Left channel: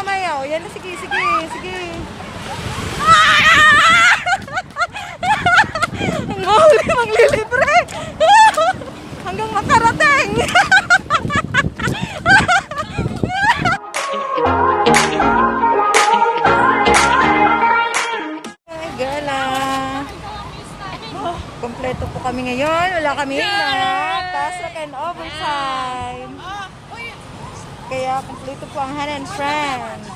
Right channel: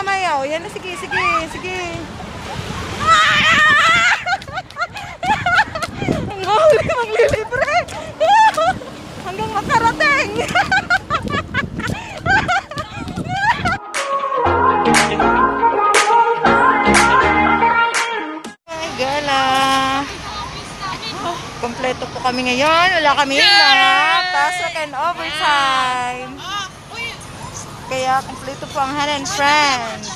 mamaya. O, yan na, sige, sige, sige. Ang mahuli, maglilibre. Hanggang makarating. Ay, gala. Kompleto po kami ngayon. Wala kami mga task and overtime. Kaya kompleto po ang hand and friends.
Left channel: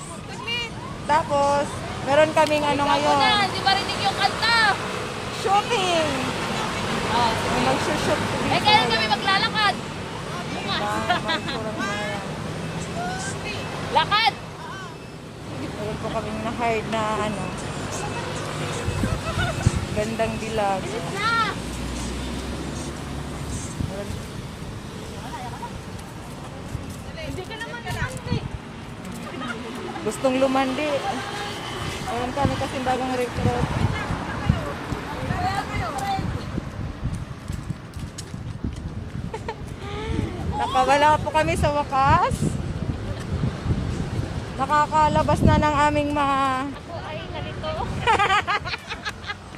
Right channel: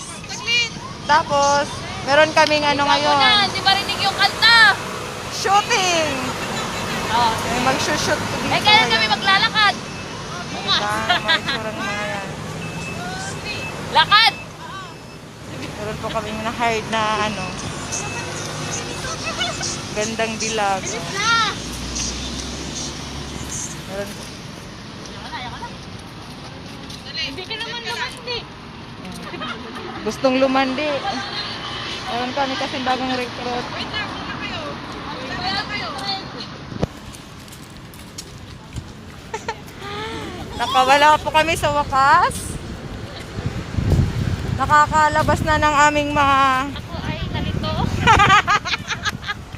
Tapos, meron kaming ano ngayon. Hindi marinig yung kanta. Shooting. Oh. Mag-shoot dito. Kailan kami maglalakad? Diba? Mga mga yan. Lakad! Meron po kami na-hired na ano. Gandang dilag. Meron. Hindi ka naman lumandi. Gustong lumandi. Meron kami kasi bagang recruit. Nakawala po kami sa wakas. Nakakalabas na ng aming mga... Ako ay nalito.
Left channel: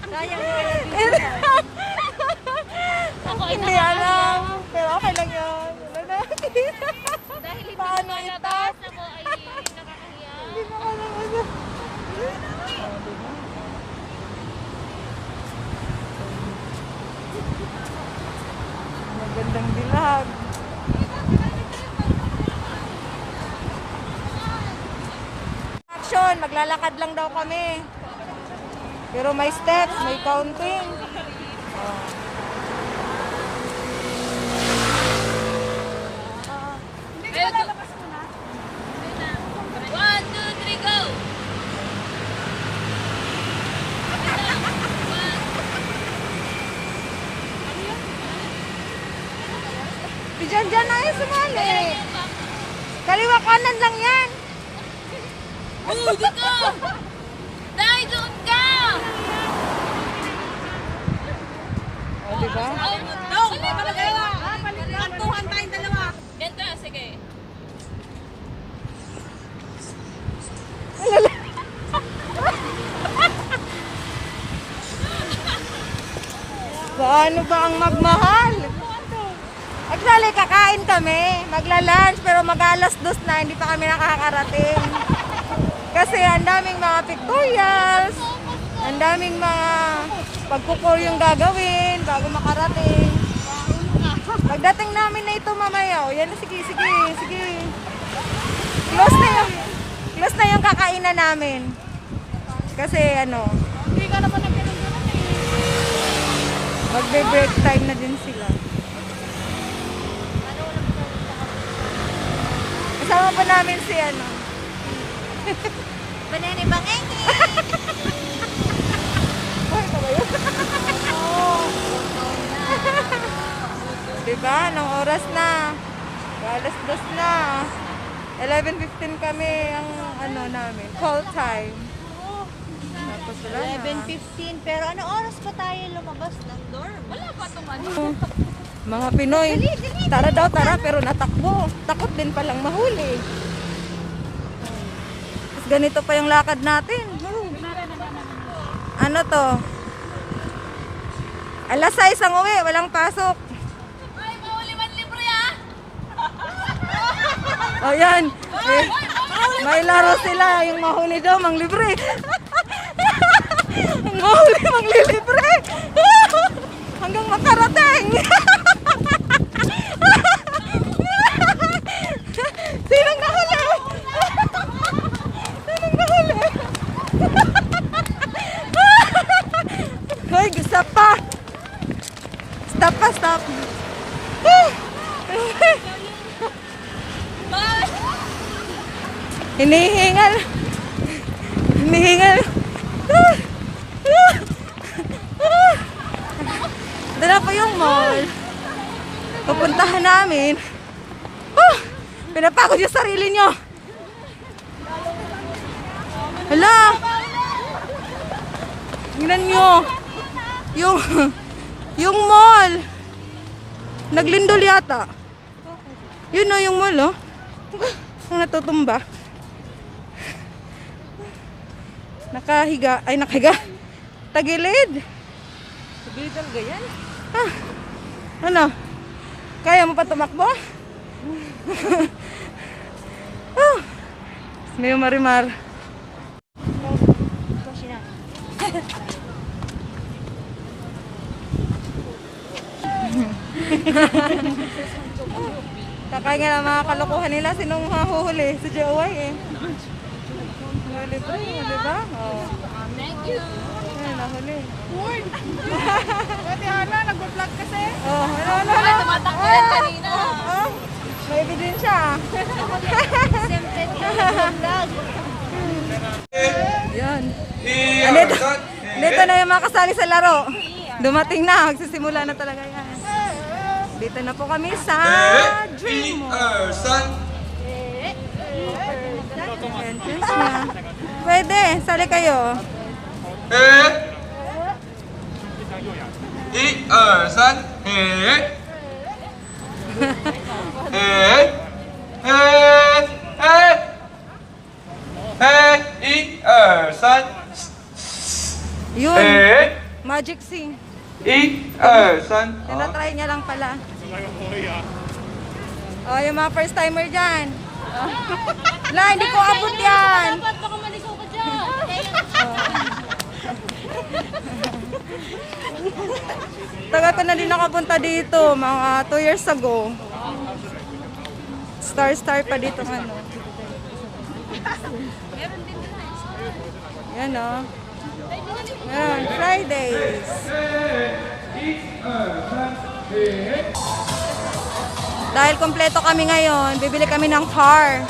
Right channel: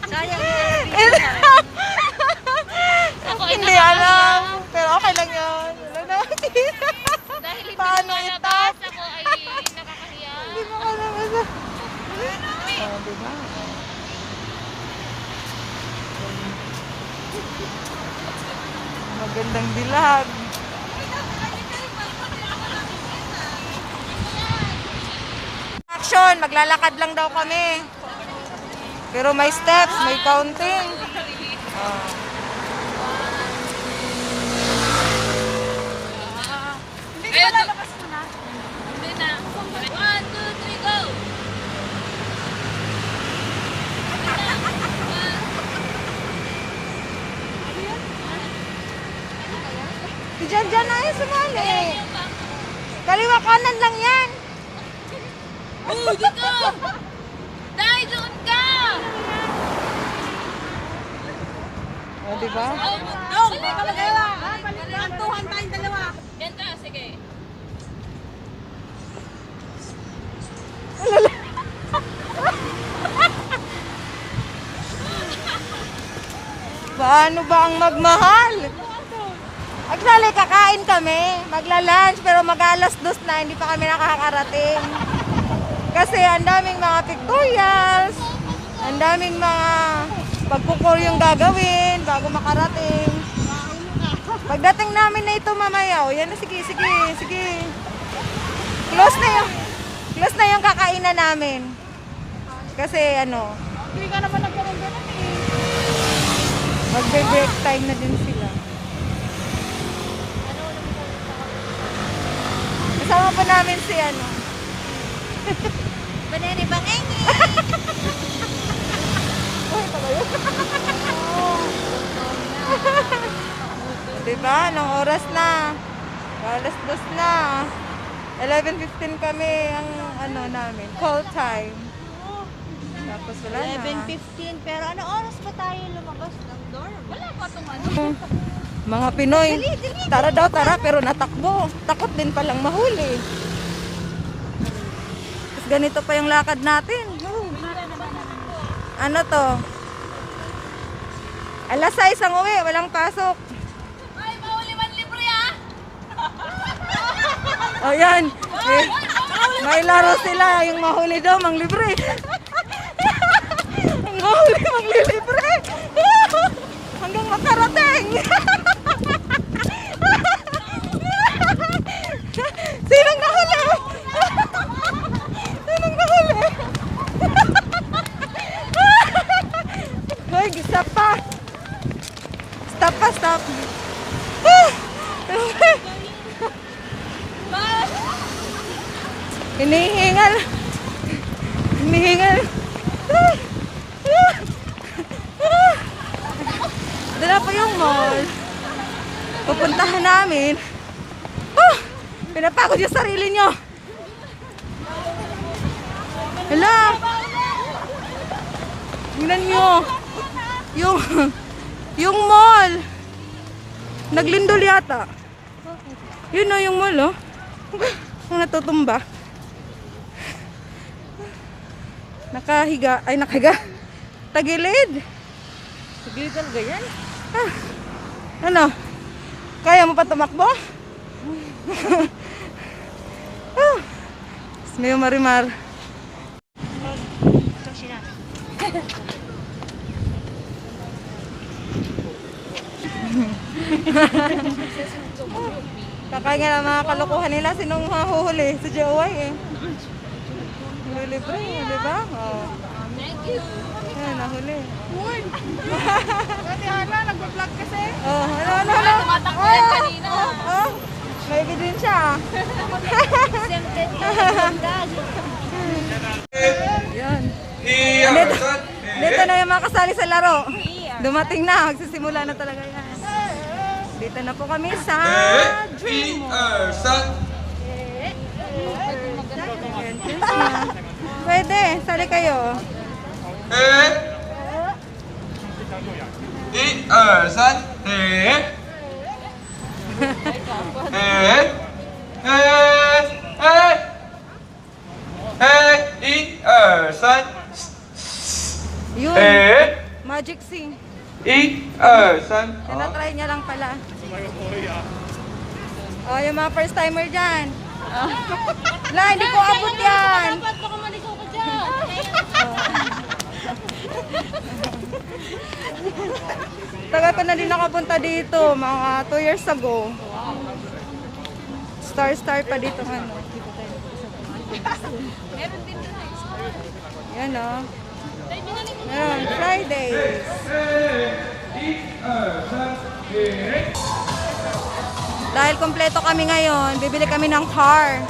Sayang hindi ka Ako ay Hindi alam. Pero okay lang yun. Dahil hindi Paano lumalabas, ako ay nakakahiya. Hindi mo ka naman. Diba? Magandang dilag. Action! Maglalakad lang daw kami. Pero may steps, may counting. Hindi ka lalabas muna? Hindi na. 1, 2, 3, go! Diyan na yung sumali. Kaliwa kanan lang yan. Oh, dito! Dahil doon ka! O, diba? Dong! Antuhan tayong dalawa. Dito, sige. Paano ba ang magmahal? Actually, kakain kami. Magla-lunch, pero mag-alas 2 na. Hindi pa kami nakakarating. Kasi ang daming mga tutorials. Ang daming mga pagkukul yung gagawin bago makarating. Pagdating namin na ito mamaya. O, yan na, sige, sige, sige. Close na yung kakainan namin. Kasi ano, Hindi ka naman nagkaroon. magbe-break time na din sila. Paano wala mo sa Kasama pa namin si ano. Banana bangengi! Ay, ito ba yun? Diba? Anong oras na? Alas 2 na. 11:15 kami ang ano namin. Call time. Tapos wala na. 11:15. Pero ano oras pa tayo lumabas ng door? Wala pa itong ano. Mga Pinoy, tara daw, tara, pero natakbo. Takot din palang mahuli. Tapos ganito pa yung lakad natin. Ano to? Alas 6 ang uwi, walang pasok. Ay, mahuli man libre ah! O yan, may laro sila, yung mahuli daw, manglibre. Ang mahuli, manglilibre. Hanggang makarating. Sinong nahuli? Sinong nahuli? Hoy, stop pa. Stop pa, stop. Hinihingal. Hinihingal. Dala pa yung mall. Pupuntahan namin. Pinapagod yung sarili nyo. Hala. Tingnan nyo. Yung mall. Naglindol yata. Yun o yung mall, oh. Ang natutumba. Nakahiga. Ay, nakahiga. Tagilid. Sigil talaga yan. Ah, ano? Kaya mo pa tumakbo? Ah, may marimar. Ito siya. Kakain nga ng mga kalokohan nila. Sinong hahuhuli? Si Joey eh. Huli bro, di ba? Oh. Ay, nahuli. Pati hala, nag-vlog kasi. Oh, ano? Tumatakbo yan kanina. Oh, may ebidensya ah. Yan. Dito na yung mga kasali sa laro. Dumating na, magsisimula na talaga yan. Dito na po kami sa Dream Mall. Entrance na. Pwede, sali kayo. 一二三，嘿，嘿，嘿，嘿，嘿，一二三， Yun, 嘿， magic scene. 一二三， Tinatry niya lang pala. Oh, yung mga first timer dyan. La, hindi ko abot yan. Dapat baka maligaw ka dyan. Tagal ko na din nakapunta dito, mga 2 years ago. Star pa dito ano. Yan o. Yan, Fridays. Dahil kompleto kami ngayon, bibili kami ng car.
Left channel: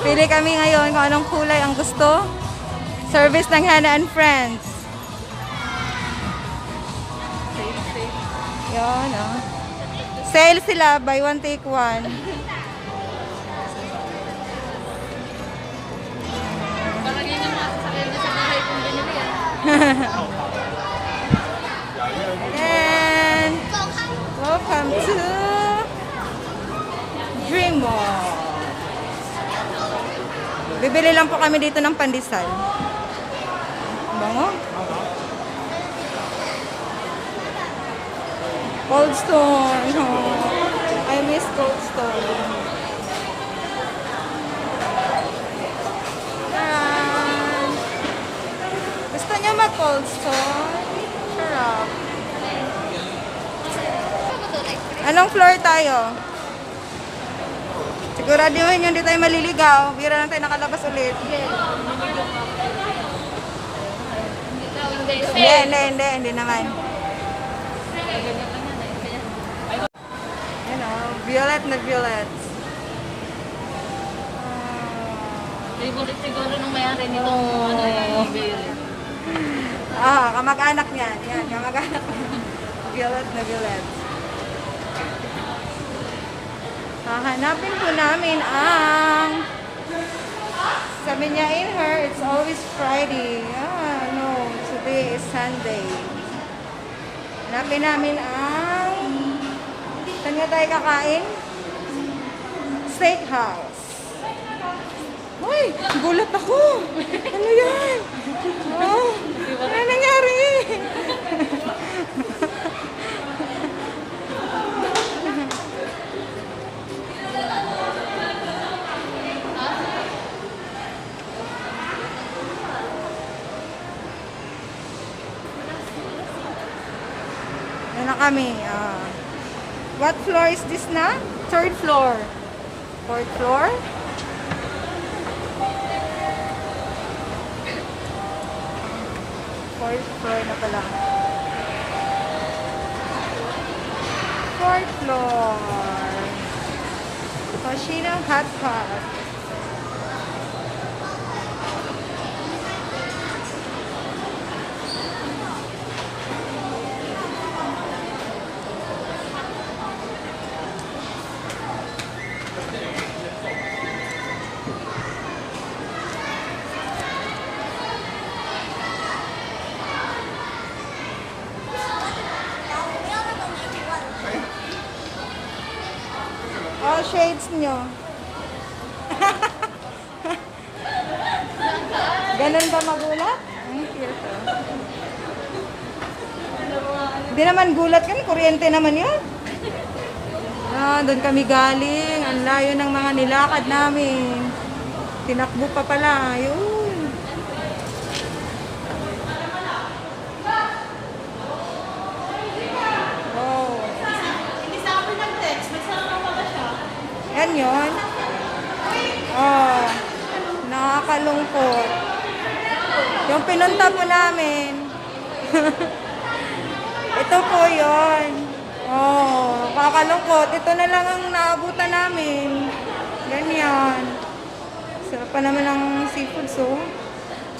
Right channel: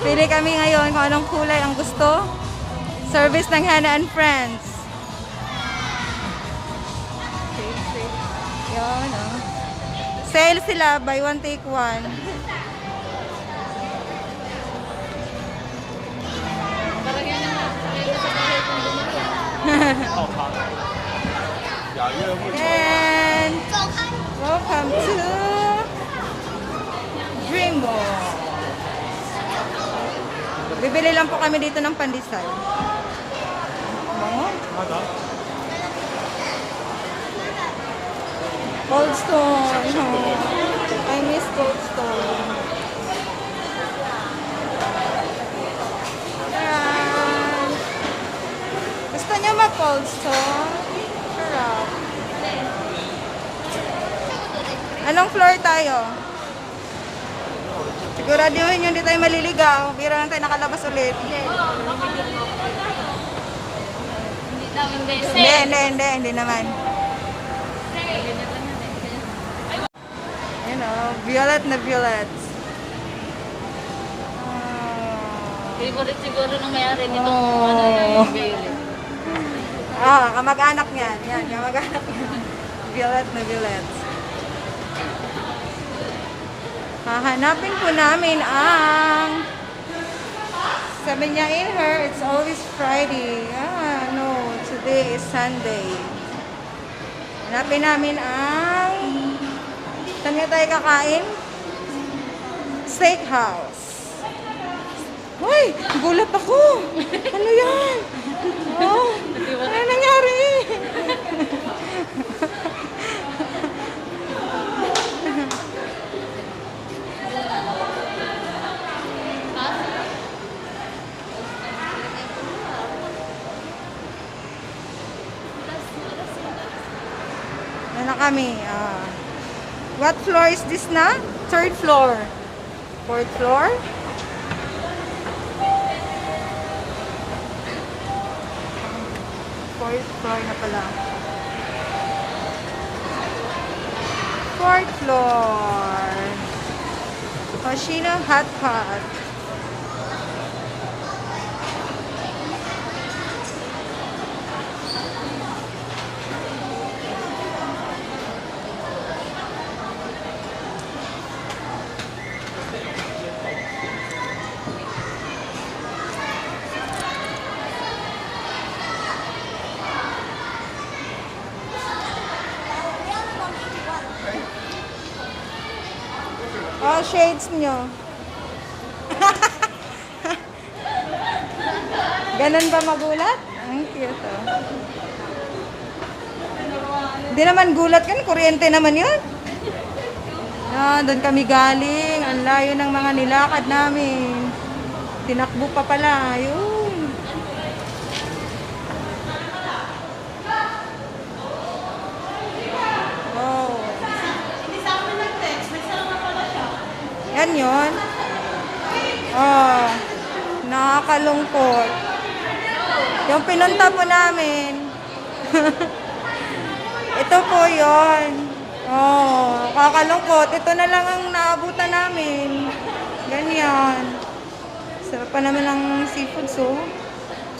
Pili kami ngayon kung anong kulay ang gusto. Service ng Hannah and Friends. Yan, oh. Sale sila, buy one take one. And welcome to Dream Mall. Bibili lang po kami dito ng pandesal. Bango. Cold Stone. Oh, I miss Cold Stone. Yan. Gusto niyo mag-Cold Stone? Sarap. Anong floor tayo? Siguraduhin hindi tayo maliligaw. Bira lang tayo nakalabas ulit. Hindi naman. Yan o, violet na violet. Favorite siguro ng may-ari nito. Oh. Ano yan, yung violet. Kamag-anak niyan. Yan, kamag-anak niyan. Violet na violet. Hahanapin po namin ang... Sabi niya in her, it's always Friday. No, today is Sunday. Hanapin namin ang... Saan nga tayo kakain? Steakhouse. Uy, gulat ako. Ano yan? Oh, ano nangyari? Yan na kami. What floor is this na? Third floor. Fourth floor. Fourth floor na pala. Fourth floor. Hoshino Hot Pot. Oh, shades nyo. Ganun ba magulat? Ang cute oh. Hindi naman gulat yan, kuryente naman yun. Ah, doon kami galing. Ang layo ng mga nilakad namin. Tinakbo pa pala. Yun. Oh. Yan yun. Oh. Nakakalungkot. Yung pinunta po namin. Ito po yun. Oh, kakalungkot. Ito na lang ang naabutan namin. Ganyan. Sarap pa naman ang seafood, so.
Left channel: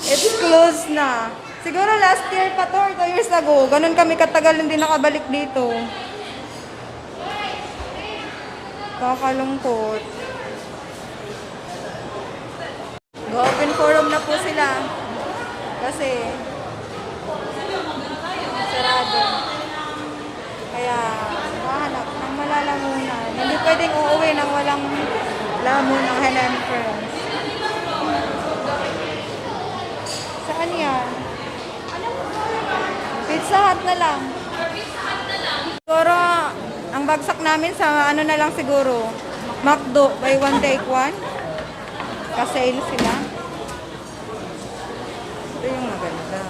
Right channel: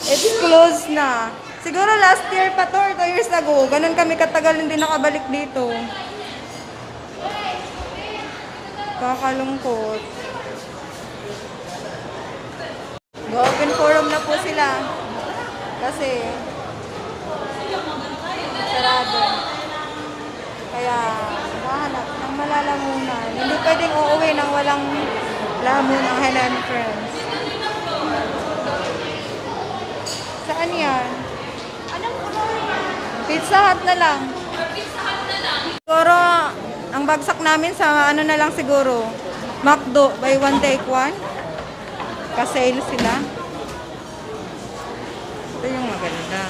It's closed na. Siguro last year pa to or 2 years ago. Ganun kami katagal hindi nakabalik dito. Kakalungkot. Open forum na po sila. Kasi sarado. Kaya mahanap ng malalamunan. Hindi pwedeng uuwi nang walang lamunan ng Helen Friends. Saan yan? Pizza Hut na lang. Siguro, ang bagsak namin sa ano na lang siguro. McDo, buy one take one. Kasale sila. Ito yung maganda.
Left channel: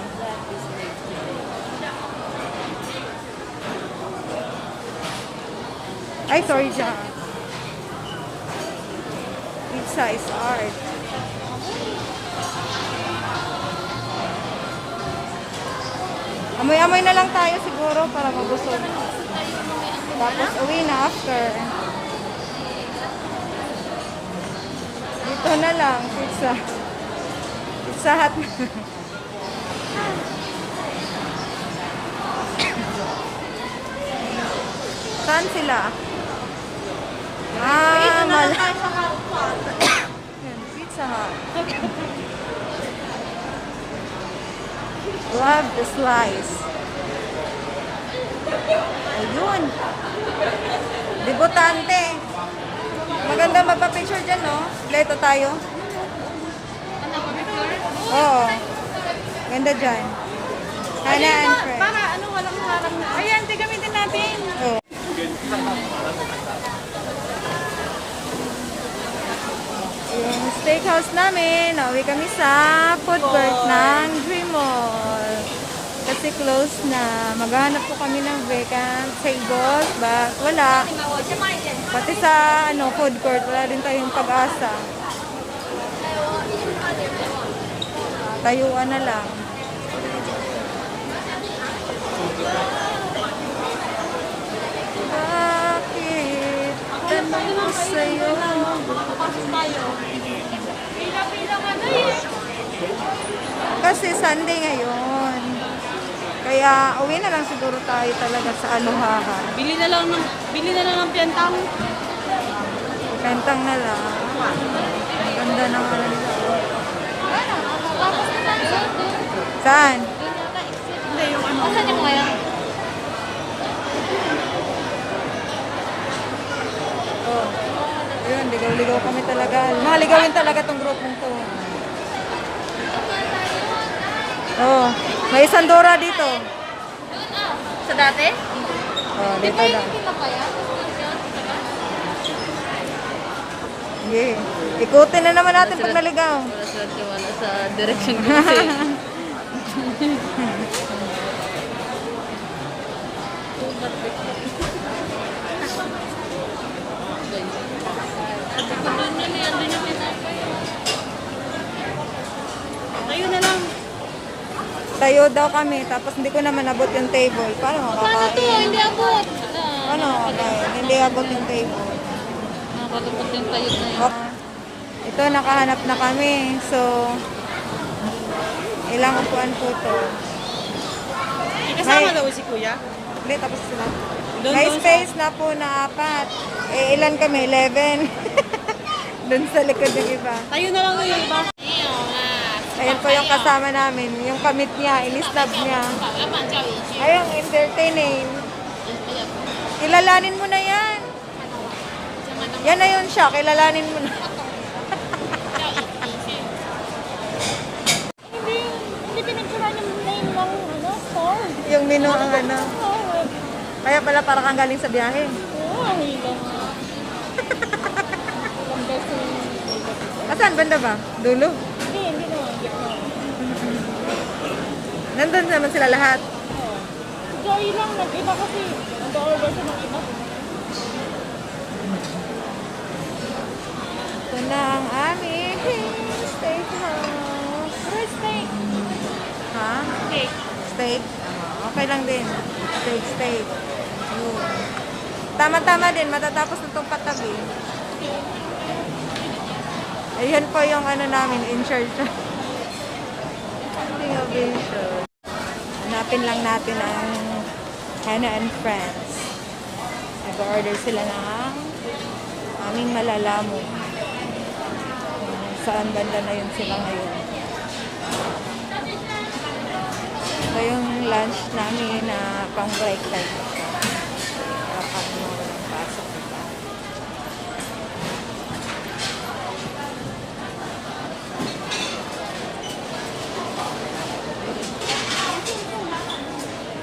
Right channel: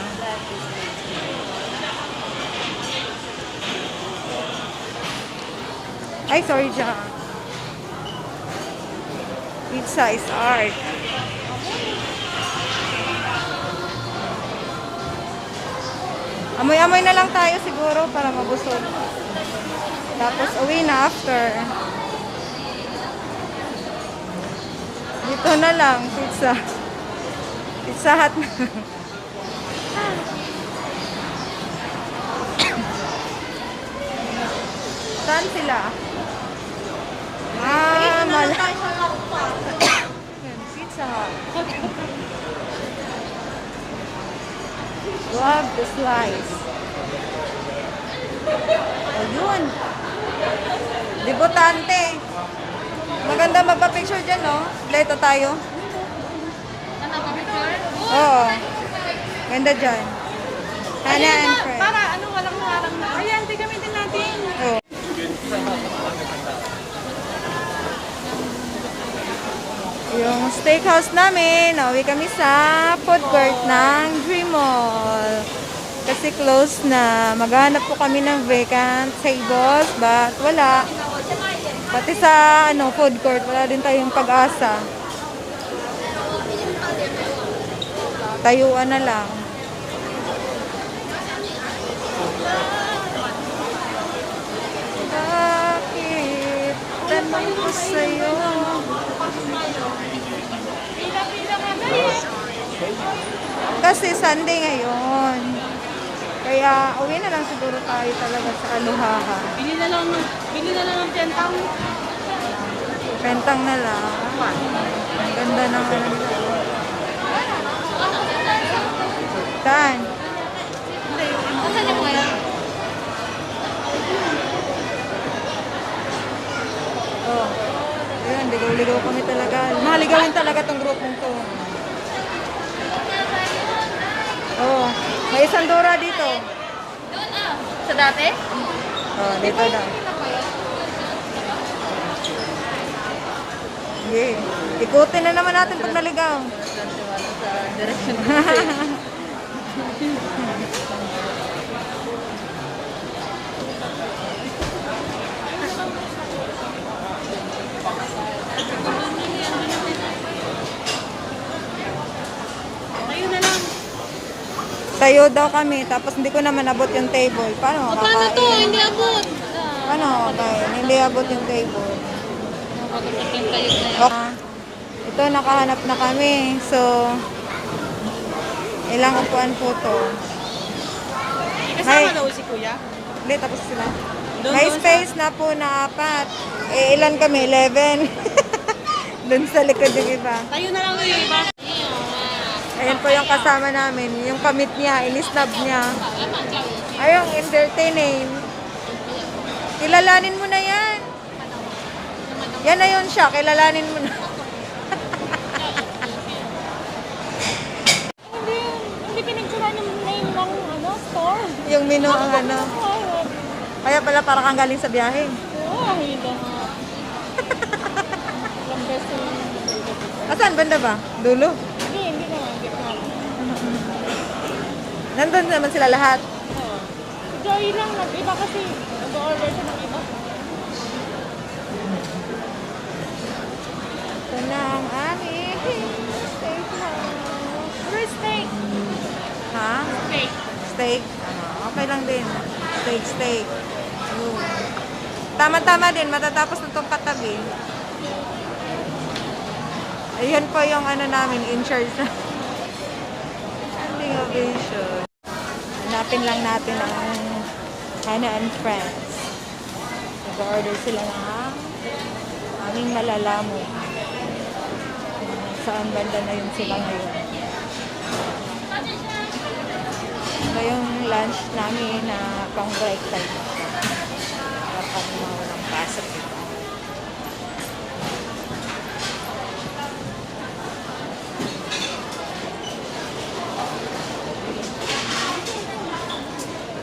Ay, sorry, Jack. Pizza is art. Amoy-amoy na lang tayo siguro para mabusog. Tapos uwi na after. Dito na lang, pizza. Pizza Hut na. Saan sila? Ah, Pizza Hut. Love the slice. O yun. Debutante. Maganda magpa-picture dyan, no? Dito tayo. Oo. Ganda dyan. Hannah and Fred. Para ano, walang harang na. Ayan, gamitin natin. Oo. Yung steakhouse namin, nauwi kami sa food court ng Dream Mall. Kasi close na. Maghanap po kami ng vacant tables, but wala. Pati sa food court, wala din tayong pag-asa. Tayuan na lang. Bakit? Tanong ko sa'yo. Kasi Sunday ngayon. Kaya uwi na lang siguro tayo talaga sa Alohaha. Bili na lang ng pentang. Pentang na lang. Ganda ng ano nila. Saan? Asan yung mga yan? Oh. Ayun, ligaw-ligaw kami talaga. Maligawin talaga tong grupong to. Oh, may isang Dora dito. Sa dati? Oh, dito daw. Hindi. Ikutin na naman natin pag naligaw. Sa direction ko kasi. Ayun na lang. Tayo daw kami, tapos hindi ko naman abot yung table. Paano makakain? Hindi abot. Paano makakain? Hindi abot yung table. Okay. Ito, nakahanap na kami. So, ilang upuan po to. Kasama daw si Kuya? Hindi, tapos sila. Doon May daw space na po na 4. Eh, ilan kami? 11. Doon sa likod yung iba. Tayo na lang yung iba. Ayan po yung kasama namin. Yung kamit niya, inisnab niya. Ayun, entertaining. Kilalanin mo na yan. Yan na yun siya. Kilalanin mo na. Domino ang ano. Kaya pala para kang galing sa biyahe. Oo, hila nga. Ilang beses Asan? Banda ba? Dulo? hindi naman. Gitna. Nandun naman sila lahat. Oo. Joy lang, nag-iba kasi. Nag-order siya ng iba. Ito na ang aming steakhouse. Pero steak. Ha? Steak. Steak? Okay lang din. Steak. Yun. Tama-tama din. Matatapos na itong katabi. Ayan po yung ano namin, in charge na. Standing ovation. Hanapin lang natin ang Hannah and Friends. Nag-order sila ng aming malalamu. Saan banda na yun sila ngayon. Ito yung lunch namin na pang break time na siya. Para kami mawalang pasok, diba?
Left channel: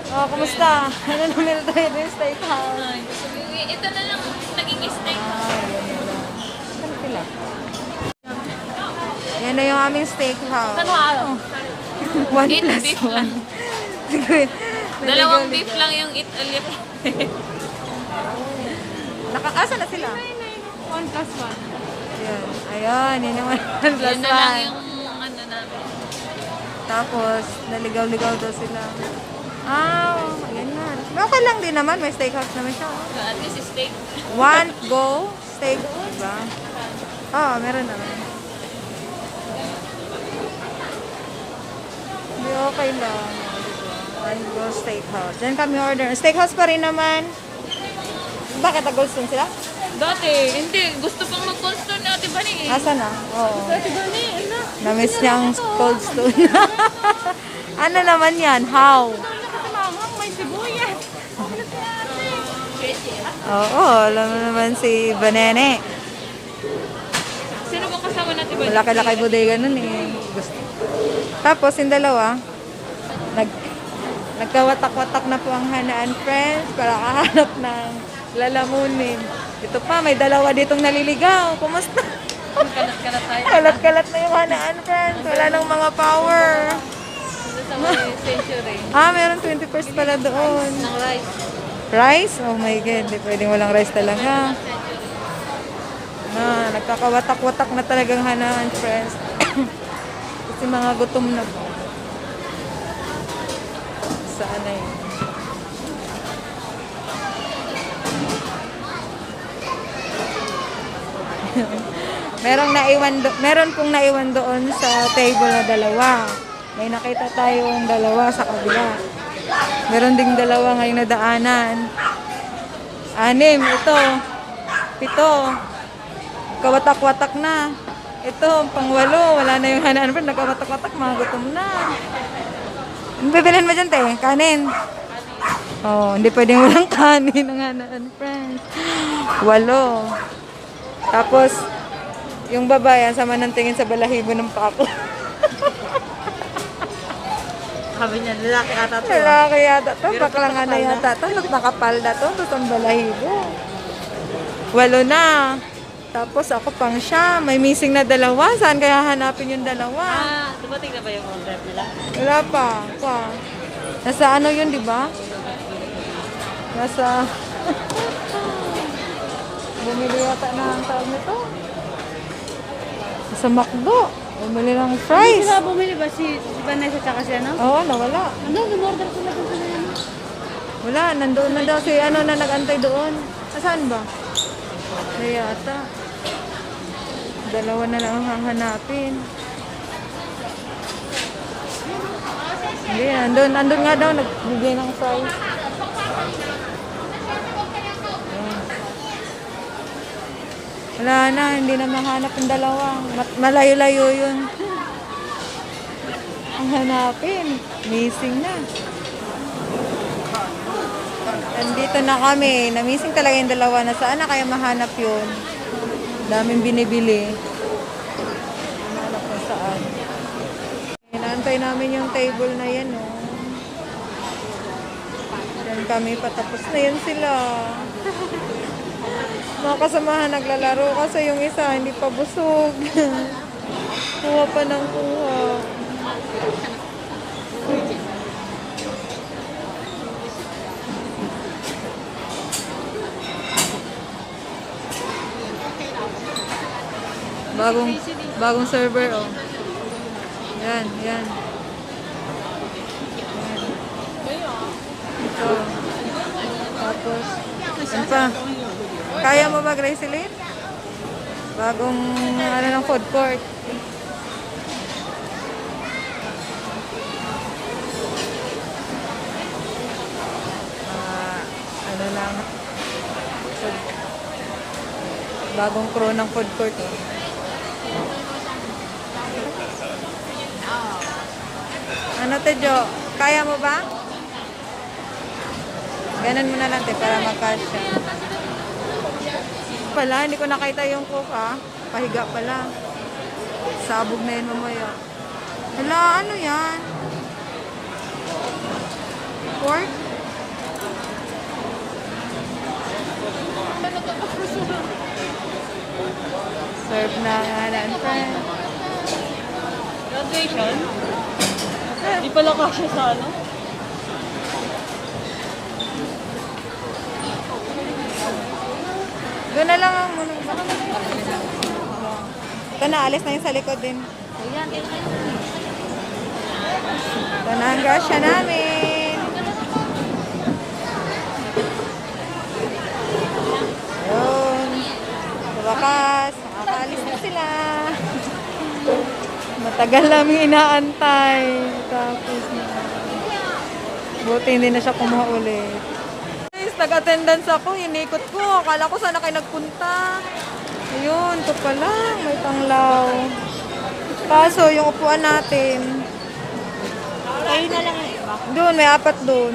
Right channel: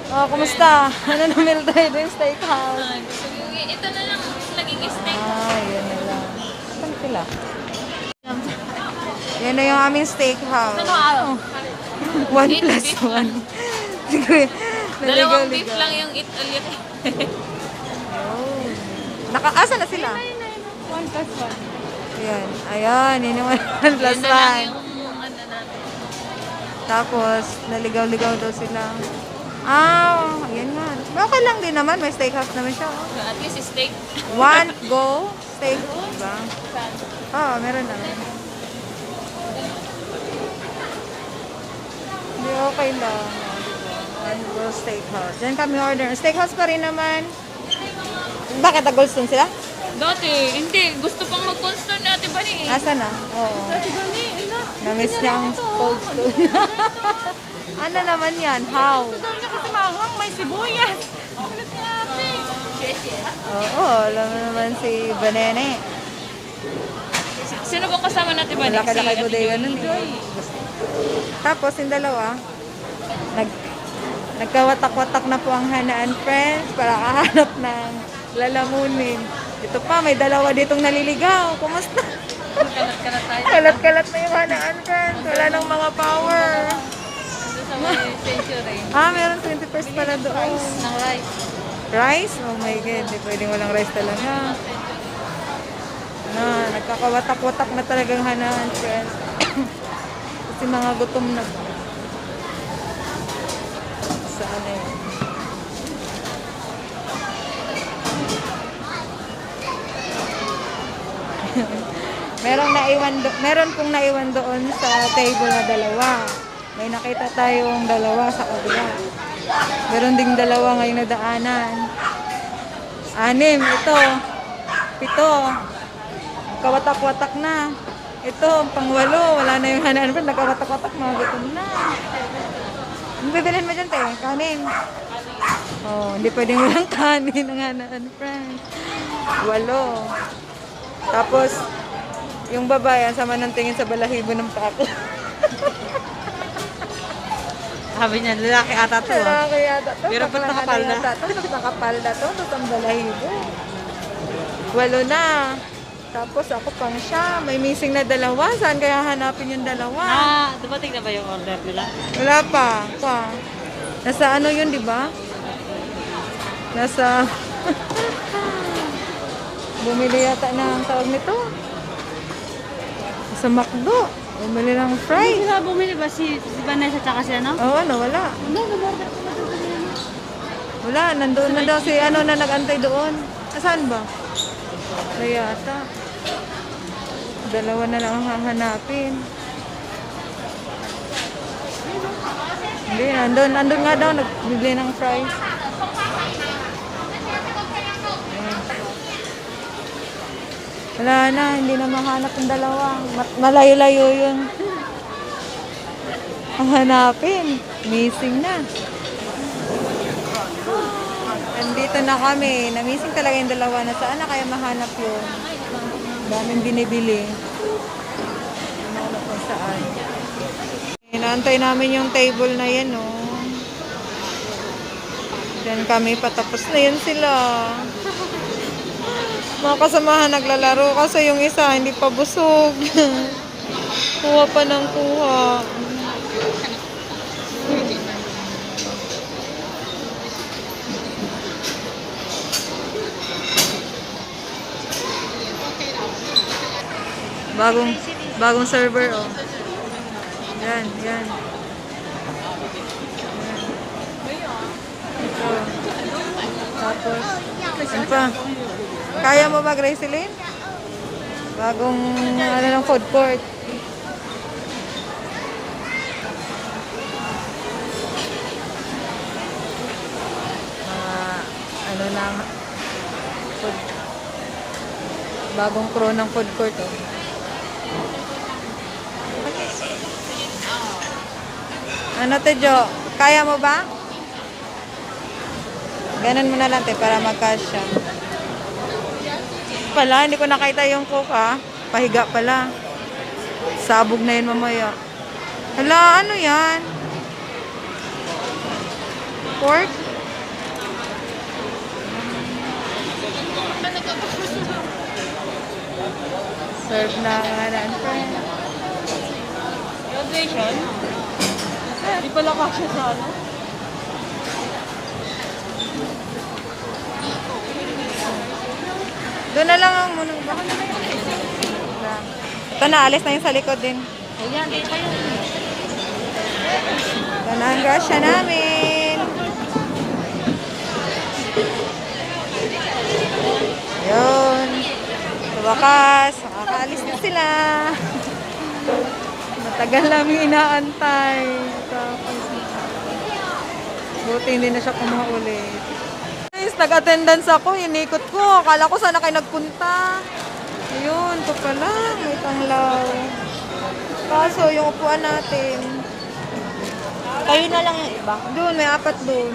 Oh, kumusta? Ano na Mildred yung steakhouse? Ito na lang naging steak. Yun na lang. Saan sila? Yan na yung aming steakhouse. Ano araw? 1+1. Dalawang beef lang yung eat ulit. Nakakasa na sila. 1+1. Yan. Ayan, yun yung 1+1. Yan na lang yung ano na. Tapos, naligaw-ligaw daw sila. Yun nga. Okay lang din naman. May steakhouse naman siya. Oh. At least steak. One, go, steak. Diba? Oo, meron naman. Hindi, okay lang. Oh, diba? One, go, steakhouse. Diyan kami order. Steakhouse pa rin naman. Bakit? Goldstone sila? Dati, hindi. Gusto pang mag-constant natin ba ni? Asa na? Oo. Dati ba ni? Namiss niya ang Goldstone. Ano naman yan? How? May sibuyas. Oo, alam mo naman si Banene. Sino bang kasama natin ba? Laki-laki bodega nun eh. Tapos yung dalawa, nagkawatak-watak na po ang Hannah and Friends para kahanap ng lalamunin. Ito pa, may dalawa ditong naliligaw. Kumusta? Kalat-kalat na yung Hannah and Friends. Wala nang mga power. Sa may century. Meron 21st pala doon. Ng rice. Rice? Oh my God, di pwedeng walang rice talaga. Nagkakawatak-watak na talagang Hannah and Friends. Kasi mga gutom na ba? Saan na yun? Meron pong naiwan doon sa table na dalawa. May nakita tayong dalawa sa kabila. Meron ding dalawa ngayong nadaanan. 6, ito. 7. Kawatak-watak na. Ito, pang-8. Wala na yung Hannah and Friends. Nagkawatak-watak, mga gutom na. Ano bibilhin mo dyan, te? Kanin. Hindi pwedeng walang kanin ng Hannah and Friends. 8. Tapos, yung babae, sama ng tingin sa balahibo ng pako. Sabi niya, lalaki ata to. Lalaki yata to. Pero Baklang ano nakapal na. yata to. Nakapal na to. Tutong balahibo. 8 na. Tapos ako pang siya. May missing na 2. Saan kaya hanapin yung 2? Dumating na ba yung order nila? Wala pa. Nasa ano yun, di ba? Nasa... Bumili yata na ang tawag nito. Sa McDo. Bumili ng Hindi fries. sila bumili ba si Vanessa tsaka si ano? Oo, nawala. Hindi, gumorder sila doon sa kanila. Wala, nandoon na daw si ano na nag-antay doon. Saan ba? Wala yata. 2 na lang ang hahanapin. Hindi, nandun nga daw, nagbibili ng fries. Ayan. Wala na, hindi na mahanap yung 2. Malayo-layo yun. Ang hanapin. Missing na. Nandito na kami. Namising talaga yung 2. Nasaan na kaya mahanap yun? Daming binibili. Mahanap kung saan. Inaantay namin yung table na yan, oh. Yan kami, patapos na yan sila. Mga kasamahan naglalaro kasi yung isa hindi pa busog. Kuha pa ng kuha. Bagong server, oh. Yan. Ito. Tapos, ano pa? Kaya mo ba, Gracelyn? Bagong, ng food court. Mga, lang, food. Bagong crew ng food court, oh. Ano to, Jo? Kaya mo ba? Ganon mo na lang, para magkasya. Pala, hindi ko nakita yung cook, ha? Pahiga pala. Sabog na yun mamaya. Hala, ano yan? Pork? Serve na nga na, friend. Graduation? Di pala kasya sa ano? Doon na lang ang muna ba? Ito na, alis na yung sa likod din. Ito na ang grasya namin. Yun. Sa wakas, makakaalis na sila. Matagal namin inaantay. Tapos buti hindi na siya kumuha ulit. Guys, nag-attendance ako. Inikot ko. Akala ko sana kayo nagpunta. Ayun, ito pala. May tanglaw. Kaso, yung upuan natin. Kayo na lang yung iba. Doon, may 4 doon.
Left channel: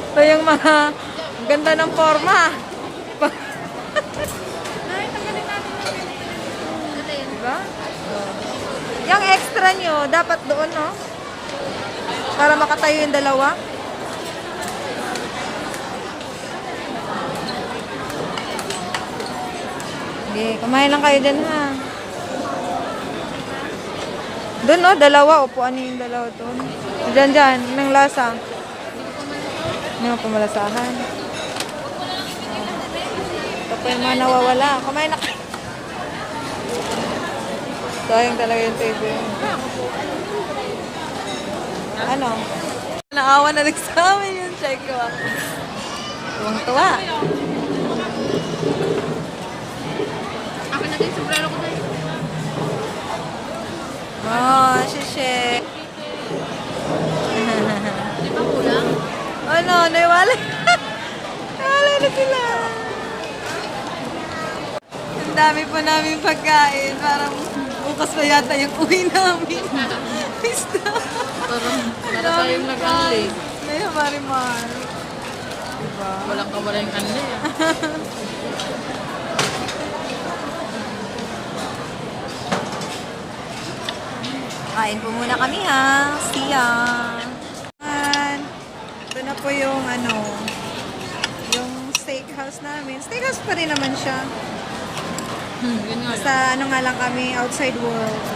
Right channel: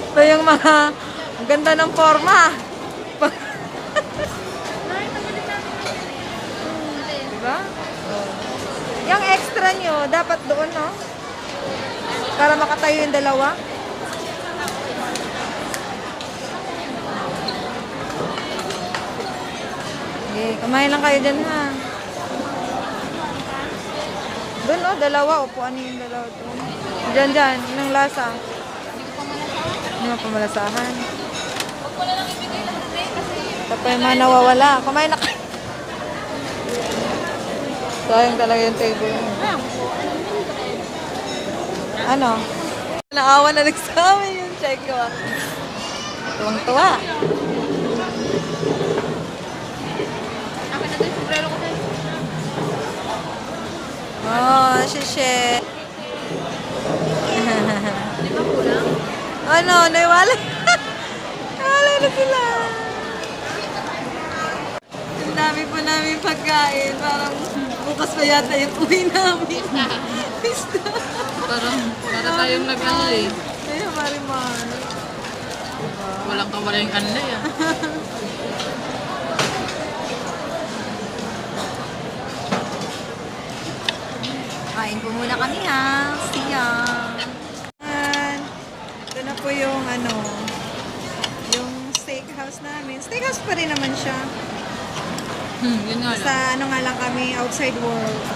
Ito yung mga ang ganda ng forma. Diba? Oh. Yung extra nyo, dapat doon, no? Para makatayo yung dalawa. Okay, kumain lang kayo dyan, ha? Doon, no? Dalawa. Upuan yung dalawa doon. Dyan. Anong lasa? Hindi mo pamalasahan. Ito yung mga nawawala. Kumain na kayo. Sayang talaga yung table. Ano? Naawa na nagsamin yung check ko. Tuwang-tuwa. Oh, shishe. Ano, naiwalay. Naiwalay na sila. Ang dami pa namin pagkain. Parang bukas pa yata yung uwi namin. Para tayong nag-anli. Ay, mariman. Walang kamaring anli ah. Kain po muna kami, ha. See ya. Ito na po yung yung steakhouse namin. Steakhouse pa rin naman siya. Yun nga. Sa nga lang kami, outside world.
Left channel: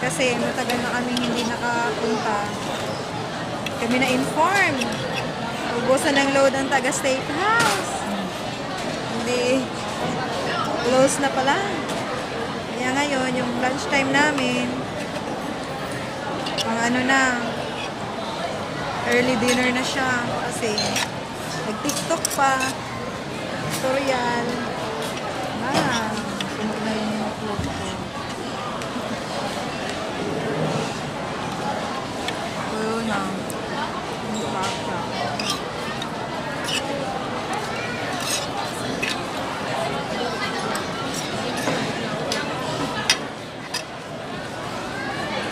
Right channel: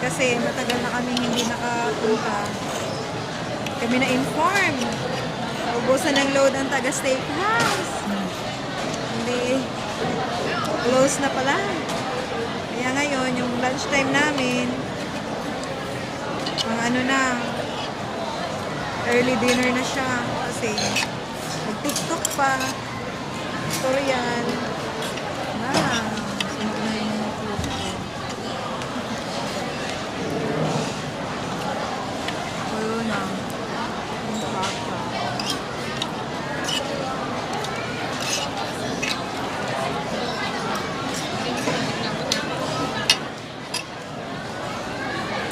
Kasi matagal na kami hindi nakapunta. Kami na-inform. Naubusan ng load ang taga-steakhouse. Hindi. Close na pala. Kaya ngayon, yung lunchtime namin, ang na, early dinner na siya. Kasi nag-tiktok pa. Tutorial. Sunog na yung food ko. Tuyo na. Yung pasta.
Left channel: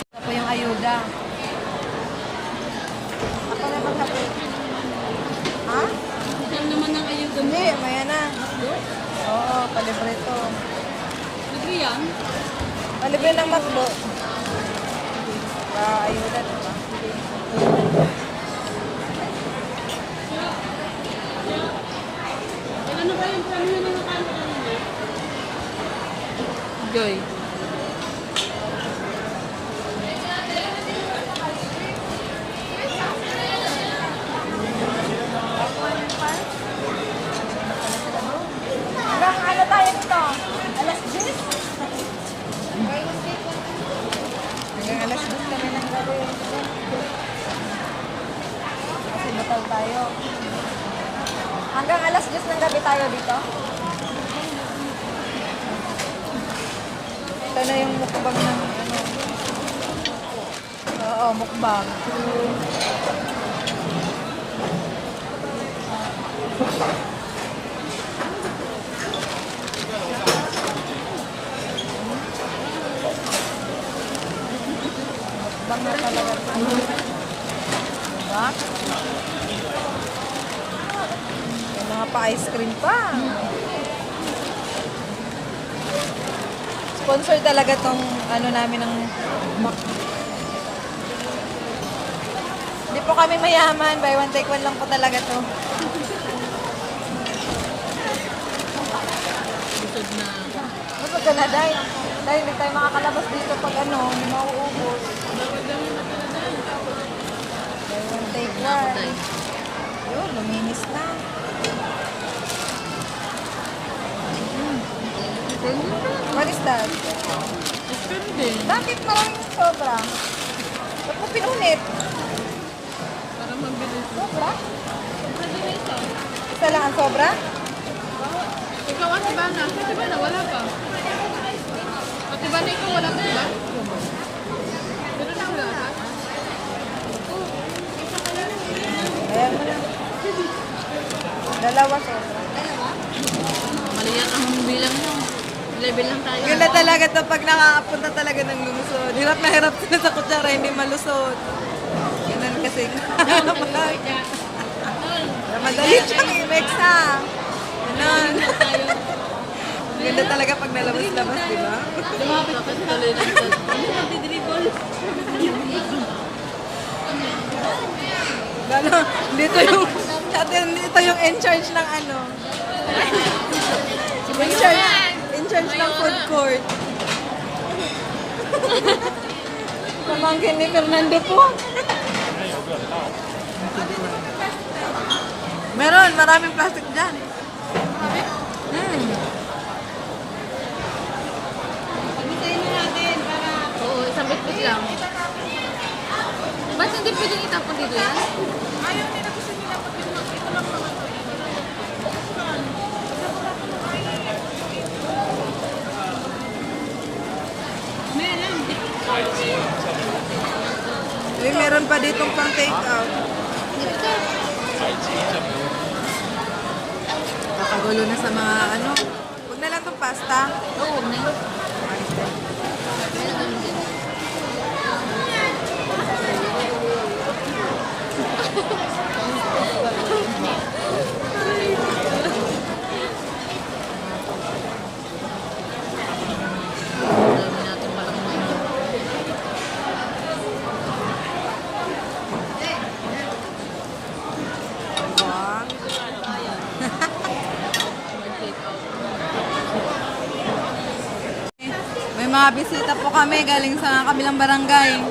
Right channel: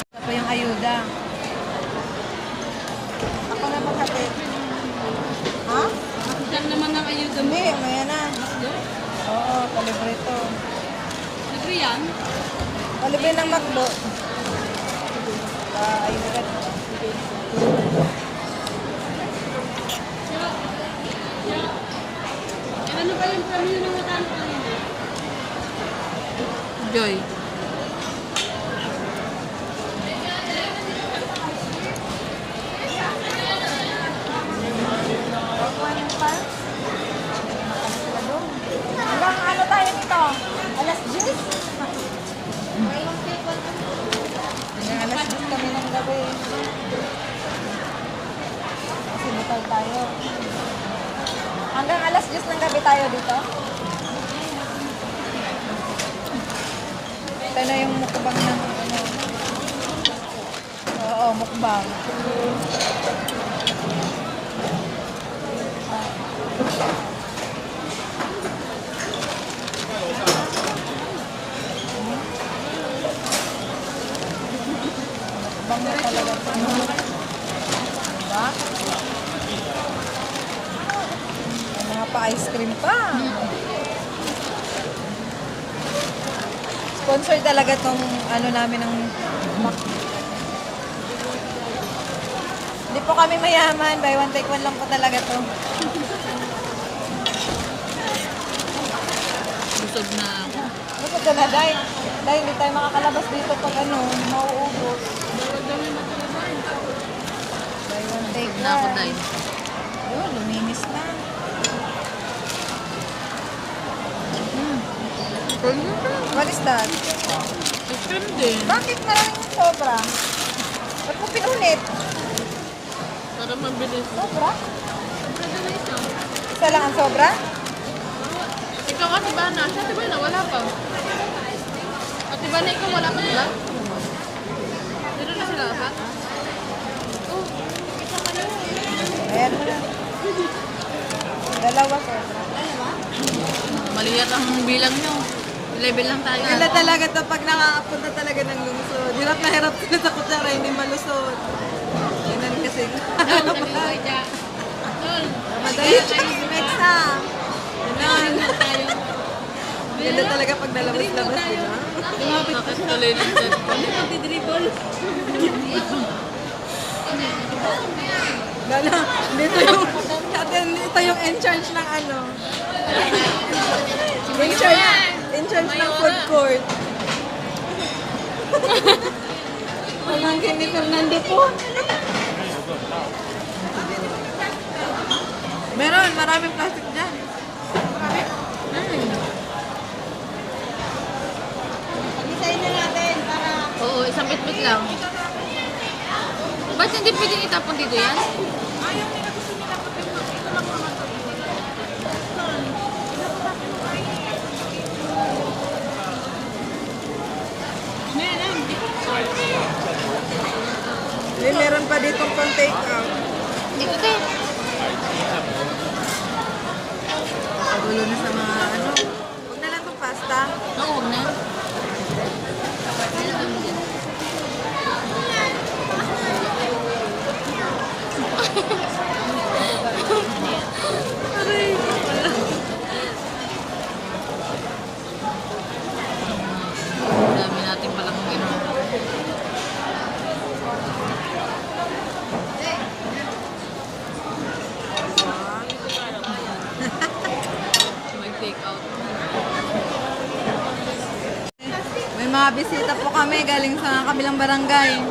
Ito po yung ayuda. Ako na magkape. Ha? Saan naman ang ayuda mo? Hindi, maya na. Oo, palibre ito. Libre yan? Palibre ng McDo. Ayuda. Joy. Hanggang ano tayo nito? Alas 10? Hanggang alas 10 kami ng gabi. Kasi butal tayo. Hanggang alas 10 ng gabi tayo dito. Ito na yung mukbang ng ano. Oo, mukbang. Mukbang na talaga. Diba? May mga pa-ice cream pa. Sponsor talaga tong ano namin ng Mac. Hindi po kami mayaman. Buy one take one lang po talaga to. Busog na. Busog ka na, Day. Day, hindi tayo makakalabas dito pag ano, mauubos. Buy one take one. Yun, luminis na. What is that? Bakit maraming sobra? Ba't mo pinunit? Bakit mabilis? Sobra? Sobra din isa. Isa lang ang sobra? Ikaw ano na na? Ate Bala, wala ka. Ate Bala, ikaw wala ka ba? Pero lang lahat. Ayan mo na. Dalawa sobra. Mali yan ang bilang nyo. Level lang tayo. Ganda talaga to pag nakakapunta talaga ng lusod. Hirap na hirap sila sa kutsara, hindi malusot. Tingnan kasi. Madali siya. Next ha. tayo. Ganda talaga pag nalabas-labas, di ba? Lumapit ka tuloy ng dribble. Gano, dito yung, ito yung in charge ng ano. In charge ng food court. Namangkin ni Fernando po. Meron, maraming plastic dyan. Pag-isayin na natin para... Oo, isang bit-bit lang. Ba't hindi pwedeng itapon dito yan? May meron pa dito pang take out. Pagulo na sa mga ano. Huwag na lang itong pasta. Oo na. Dami natin palang uminom. Mag-take out. May mga bisita po kami galing sa kabilang barangay.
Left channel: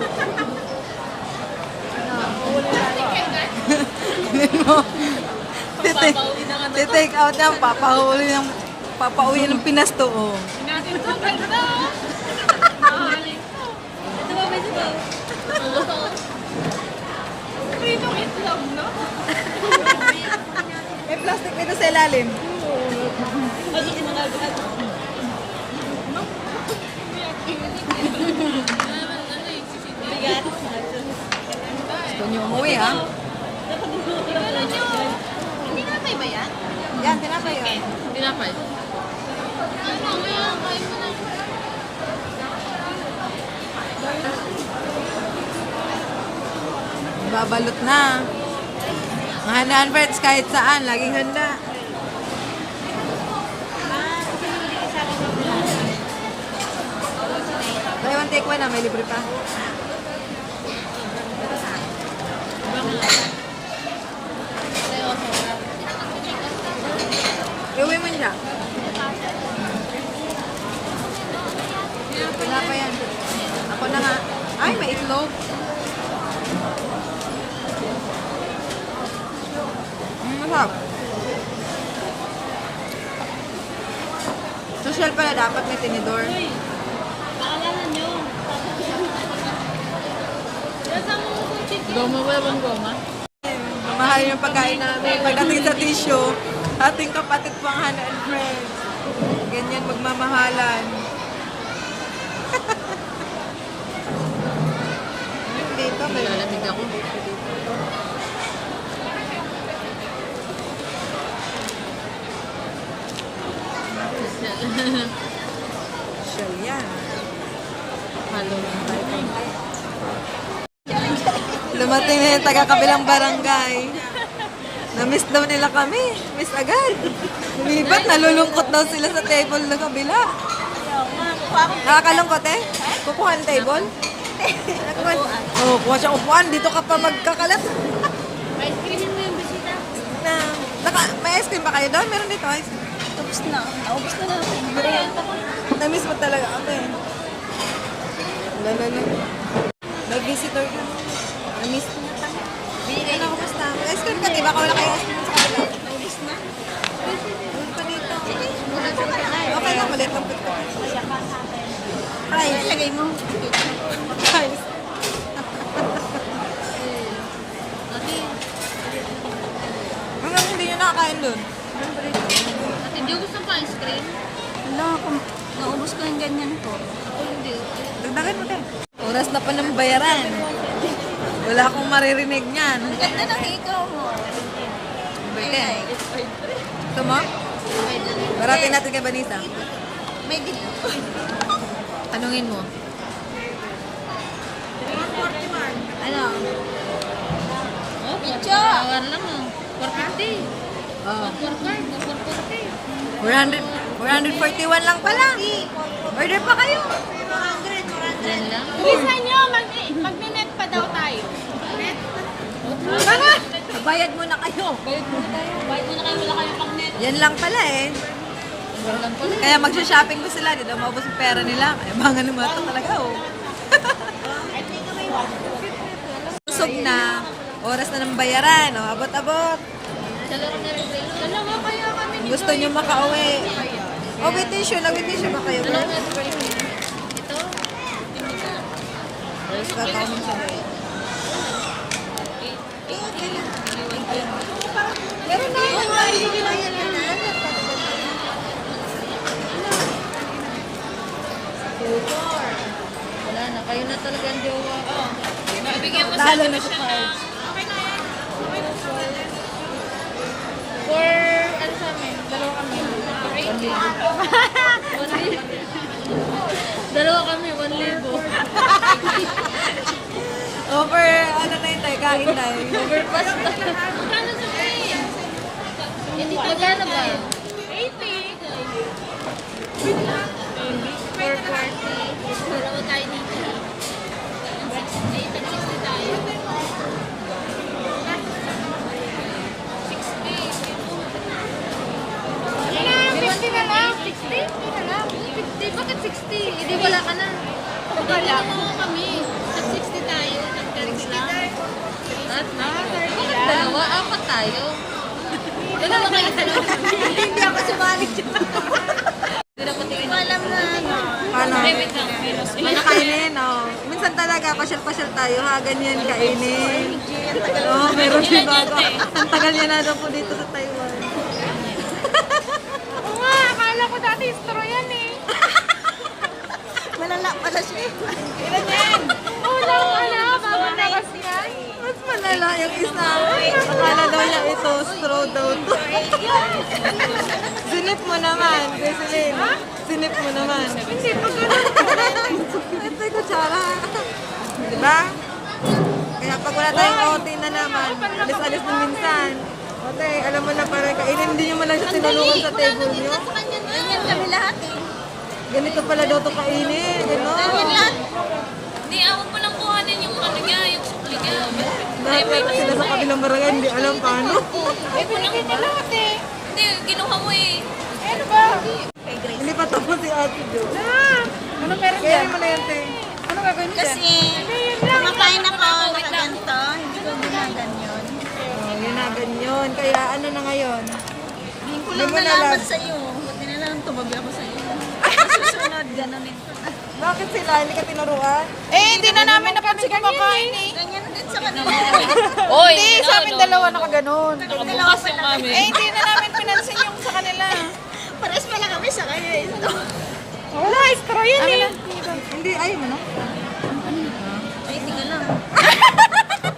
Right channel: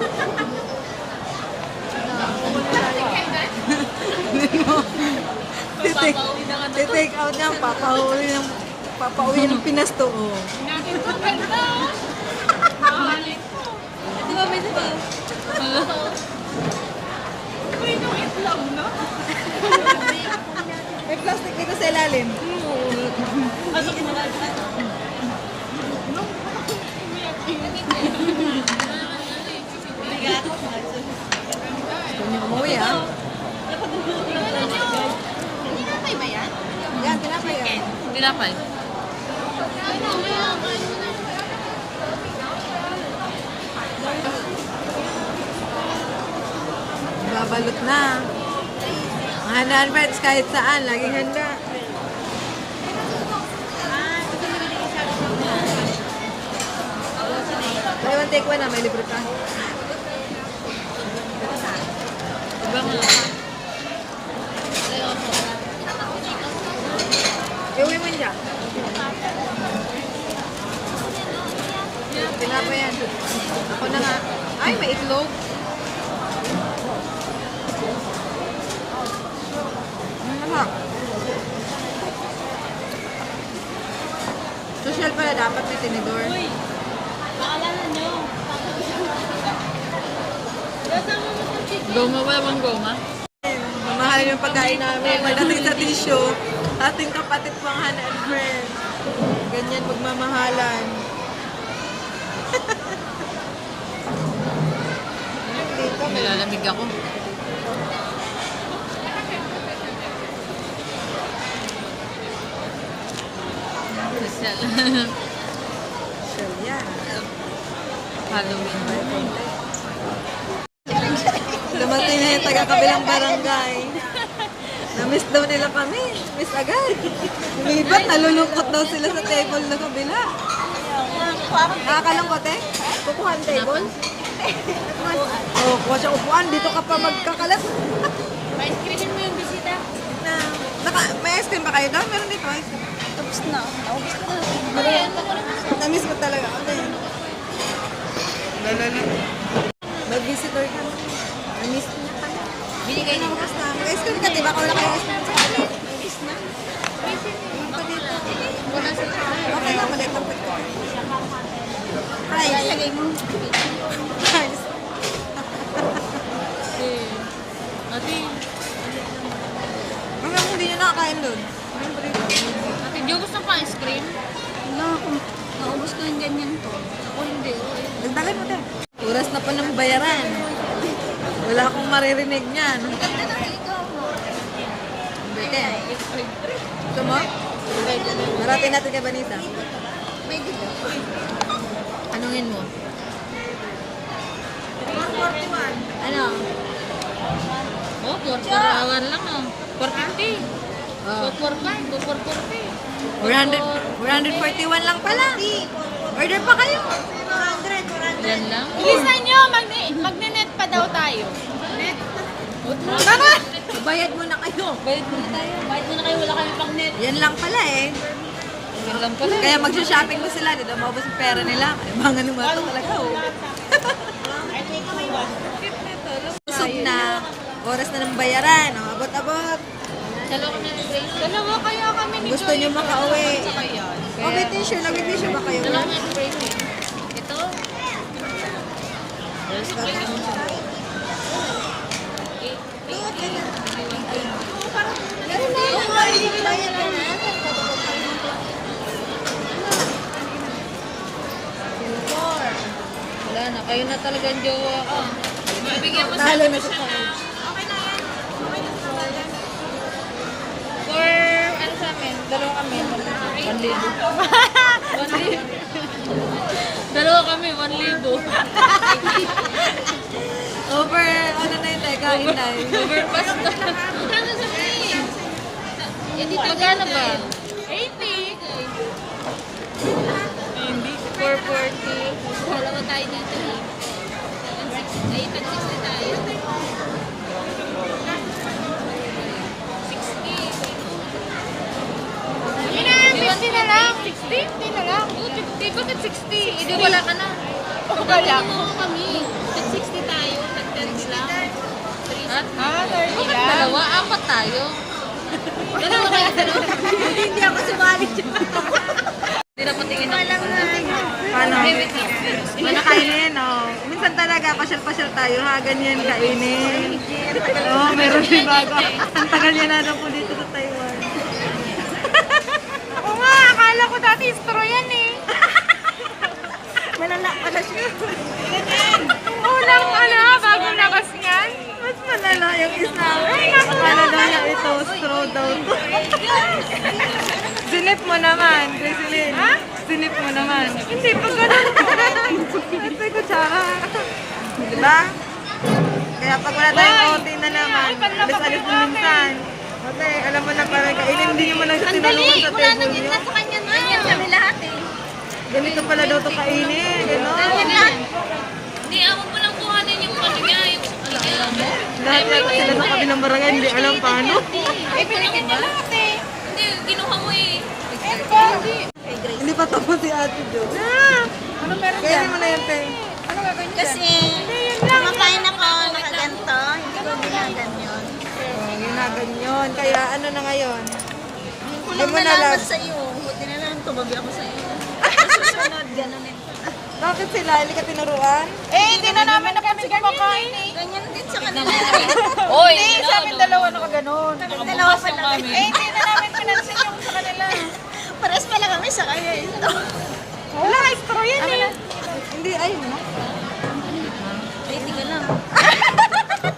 Take out yan, papauwi ng pinasto. Oh. Ito ba ba ito? May plastic dito sa ilalim. Gusto niyo umuwi ha? Tinapay ba yan? Yan, tinapay yan. Tinapay. Babalot na. Mahandaan friends kahit saan, laging handa. Buy one take one na, may libre pa. Gawin mo siya. Pinapa yan. Ako na nga. Ay, may itlog. Sarap. Social pala dapat may tinidor. Goma ba yung goma? Mahal yung pagkain namin. Pagdating sa tissue, ating kapatid pang Hana and Friends. Ganyan magmamahalan. Dito may lalamig ako. So, yan. Halloween. Dumating na yung taga-kabilang barangay. Na-miss daw nila kami. Miss agad. Lumibat, nalulungkot daw sila sa table na kabila. Nakakalungkot eh? Kukuha ang table? Oo, kuha siyang upuan. Dito ka pa magkakalat. Ice creamin mo yung bisita. May ice cream ba kayo doon? Meron dito ice cream. Tapos na. Naubos ko na lang. Na-miss mo talaga kami. Lolo. Mag-visitor kami. Na-miss niya kami. Bili ka na ako basta. Mag-ice cream ka, diba? Kawala kayo ice cream sa kabila. Naubos na. Doon pa dito. Okay lang, maliit lang pagka. Hi. Lagay mo. Hi. Ate. Hanggang hindi nyo nakakain doon. Meron pa dito. Ate, di gusto pa ice cream? Wala akong. Naubos ko yung ganyan ko. O hindi. Dagdagan mo din. Oras na pa ng bayaran. Wala akong maririnig niyan. Ang ganda ng ikaw mo. Beke. Ito mo? Garatin natin kay Vanessa. May dito. Tanungin mo. 141. Ano? Oh, pagkawan lang oh. 450. Oh. 440. 441 lang pala. Order pa kayo. 400 lang. Bilisan nyo, magne-net pa daw tayo. Net? Bayad muna kayo. Bayad muna tayo. Bayad muna kayo, wala kami pang net. Yan lang pala eh. Yan lang pala. Kaya magsha-shopping ko sila. Dito maubos ang pera nila. Mga naman talaga oh. Usog na. Oras na ng bayaran. Oh, abot-abot. Dalawa kami ng break. Dalawa kaya kami ni Gusto niyo makauwi. Oh, may tissue. May tissue ba kayo? Dalawa kami ng break. Ito. Meron na. Bayad ka na. Wala na, kayo na talaga ang jowa. Oh. Halo na sa cards. Okay na yan. Okay na sa yan. For, ano sa amin? Dalawa kami. 1,000. 1,000. Dalawa kami, 1,000. Over, ano na yun tayo, kain na yun. Overpass na. Magkano sa kayo? Hindi magkano ba? 80. 440. Dalawa tayo dito. 60 tayo. 50 na lang. 60? 50 na lang. 50? Bakit 60? Hindi wala ka na. Wala. Kami. At 60 tayo. At 30 lang. At 30 lang. Dalawa, apat tayo. Dalawa kayo, dalawa. Hindi ako sumali dyan. Hindi na patingin. Alam na. Paano? Paano kainin, oh. Minsan talaga, pasyal-pasyal tayo, ha? Ganyan kainin. Oo, meron din bago. Ang tagal niya na daw po dito sa Taiwan. Oo nga, akala ko dati straw yan eh. Malala pala siya. Una ko na, bago nakas yan. Mas malala yung isa. Akala daw niya ito, straw daw to. Sinip mo naman, Jesseline. Sinip mo naman. Hindi pa ganun. Ito yung kutsara. Diba? Kaya pag wala tayong OT na naman, alis-alis din minsan. Okay, alam mo na parang kainin, hindi nyo man lang sa tinulungan sa table nyo. Ganyan kami lahat eh. Ganito pala daw to kainin. Gano'n. Hindi, awag mo lang kuhanin yung kami niya. Lahat yata sila sa kabilang barangay, hindi alam paano. Eh, pinigyan mo lahat eh. Hindi, kinuha mo eh. si Ate Jo. Ano meron Kaya dyan? mo na yan, te. Ano gagawin dyan? Kasi kumakain ako nakaganto, hindi ko ginaganyon. Oh, yun na, ganyan. Kaya ano na ngayon? Hindi ko lang nalaman sa'yo. Buti na lang tumabi ako sa'yo. Sa susunod, ganunin ko na. Bakit sila? Hindi ka tinuruan? Hindi na namin napansin kumakain eh. Ganyan din sa kanila. Hindi, sa amin dalawa nakaganon. Kami dalawa pala kami. Hindi na namin pinansin yung sa kanila. Pares pala kami sa kanya ito. Wala, extra yan eh. Hindi, ayaw mo no? Ay, hindi ka lang.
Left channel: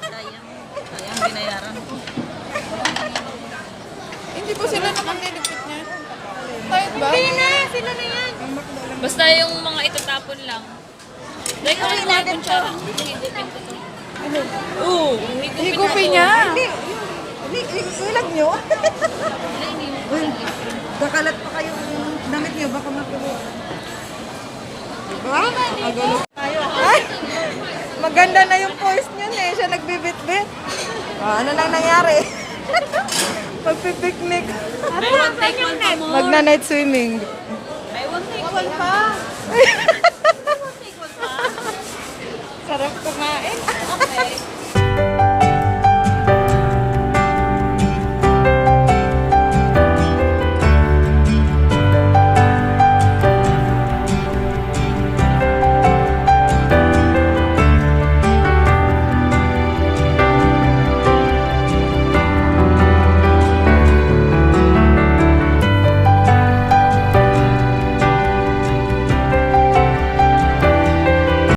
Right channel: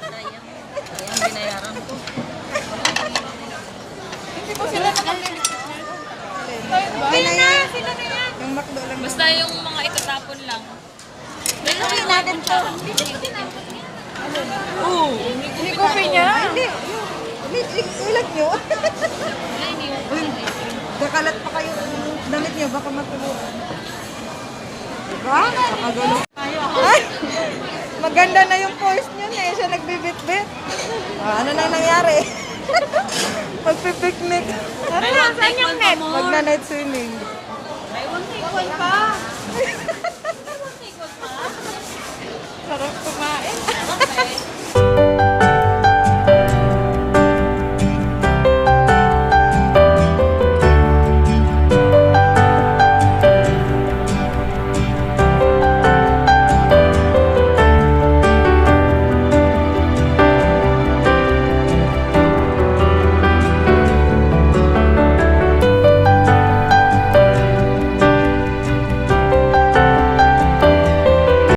Sayang. Sayang binayaran ko. Hindi ba sila nakakalipit niya? Sila na, sila na yan. Basta yung mga itatapon lang. Gawin natin to. Higupin niya. Ay, hindi. Ilag nyo. Uy, kakalat pa kayo damit nyo. Baka matulungan. Diba? Nakagulog tayo. Ay! Maganda na yung voice nyo eh. Siya nagbibit-bit. Ano nang nangyari? Magpipiknik. I want take one pa more. Magna-night swimming. I want take one pa. Sarap kumain. Okay.